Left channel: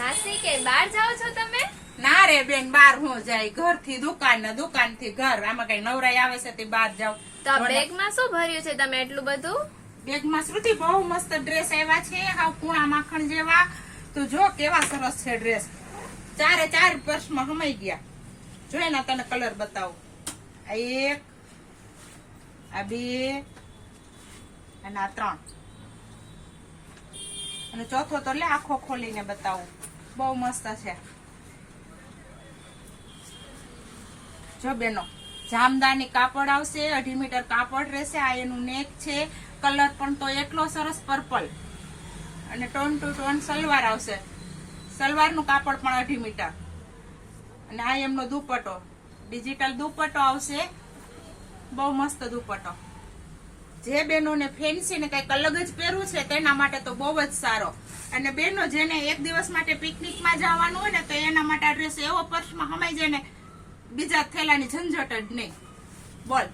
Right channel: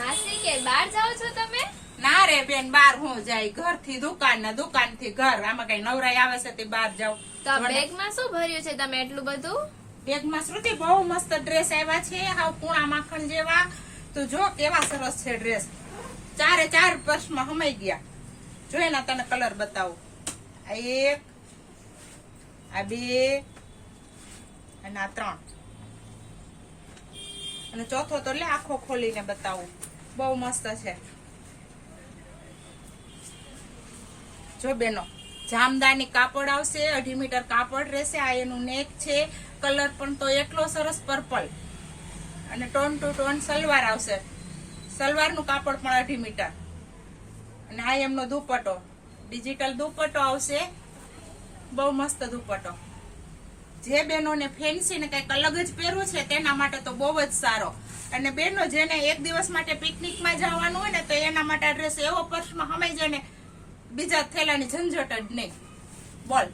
માસી કે બહાર જાઓ છો તમે? ના રે બેન, બાર હું જાય, ઘર થી દુકાન ને દુકાન થી ઘર, આમાં કઈ નવરાઈ આવે છે તે બાર જાવ. તો આ બેગમાં શું ભર્યું છે તમે એટલું બધું? બેગમાં શ્રુતિ બહુ મસ્ત ડ્રેસ આવ્યા છે, હાવ પૂણા માખણ જેવા. તો જો કેવા સરસ છે ડ્રેસ, ચારે ચાર પર્સમાં હમાઈ ગયા. જોઈ ને તને કલર બતાવું. આ એક, આ બે અને આ ત્રણ, અને ચોથો તો લે આખો ખોલીને બતાવું. બહુ મસ્ત છે. જો બેનો, જામદાની કાપડ આવશે, 2.5 મીટર કાપડ રહેશે. આ એનું નેક છે. કલર પણ તો એટલો સરસ પર્પલ, અને ટોન ટુ ટોન સલવાર આવશે. સલવારનું કાપડ પણ 2.5 મીટર, અને આ એમનો દુપટ્ટો, ડિજિટલ દુપટ્ટો આવશે. બહુ મસ્ત દુપટ્ટો. જે બેનોને ફેન્સી ને કઈક અલગ જ પહેરવું છે તેના માટે તો બહુ જ સારો. અને બેનો જેને એક દિવસ માટે પિકનિકમાં જવાનું હોય ને તો એના માટે આ ડ્રેસ એવો પર્સમાં હમાઈ જાય ને, બીજા થેલાની ઝંઝટ જ નહીં. બોલ.